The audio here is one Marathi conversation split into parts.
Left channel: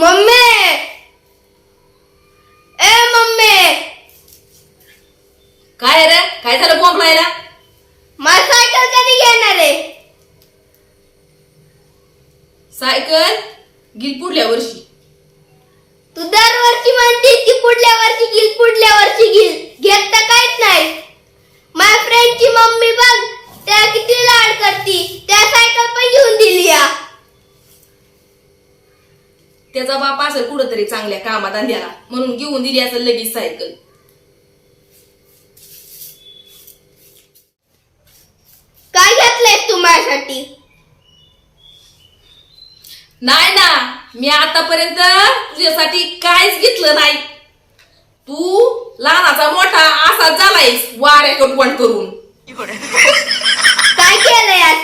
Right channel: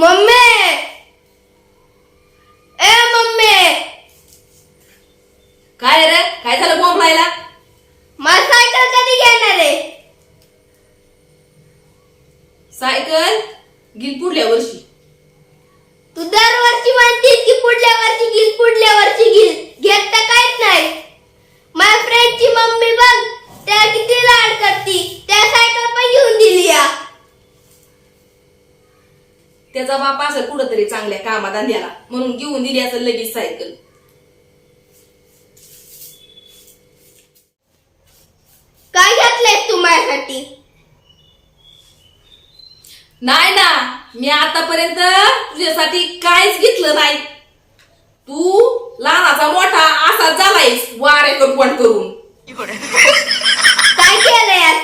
मम्मी! ए मम्मी! काय रे? काय झालं बॉम्ब लायला मला सायकल कधी घेणार आहे? सायकल गिल पुढल्या वर्षी. तू दरवर्षी म्हणतीस की पुढल्या वर्षी घेईल पुढल्या वर्षी घेईल घेत तर काहीच नाही माझ्या फ्रेंडची मम्मी बघ त्या किती लाड करती त्या सायकल पण घेऊन दिली या त्याचा बाप असेल कुठंतरी चांगल्या कामात धंद्याला म्हणून घेऊन दिली असेल लगेच सायकल काय घातलंय तू माझ्यासाठी? नाही ना मी आतापर्यंत तुझ्यासाठी काहीच घेतलं नाही. तू लहानाचा मोठा असा झालायस वाऱ्याकडून पण करून. काय केलं यार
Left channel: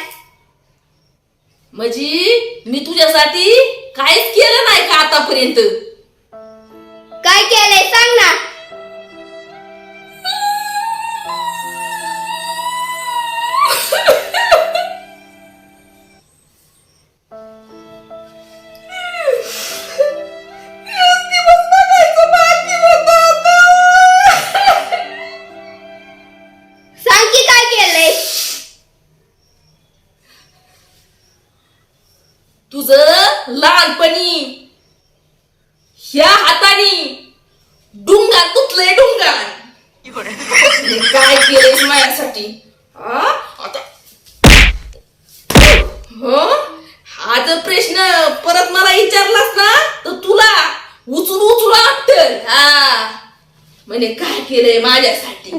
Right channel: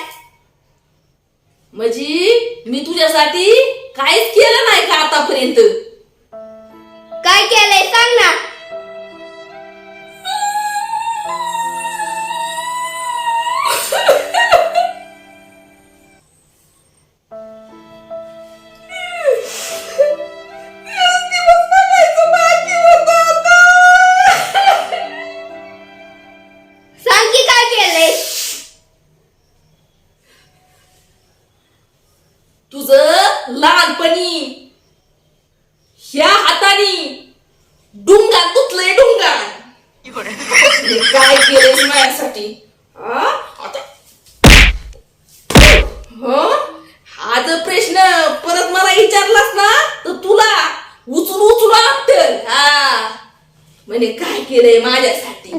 म्हणजे मी तुझ्यासाठी काहीच केलं आतापर्यंत. काय केलंय? सांग ना. सांग की काय केलंय? तुझं लहानपणी ह्या हाताने डुंगान तुटलंय डुंगान मी काय केलंय माझ्यासाठी? हा? आता. हो? हा जर प्रश्न परत मला विचारलास ना तर तुला उचलू उचलू लागतं हा. म्हणे काय केलंय माझ्यासाठी?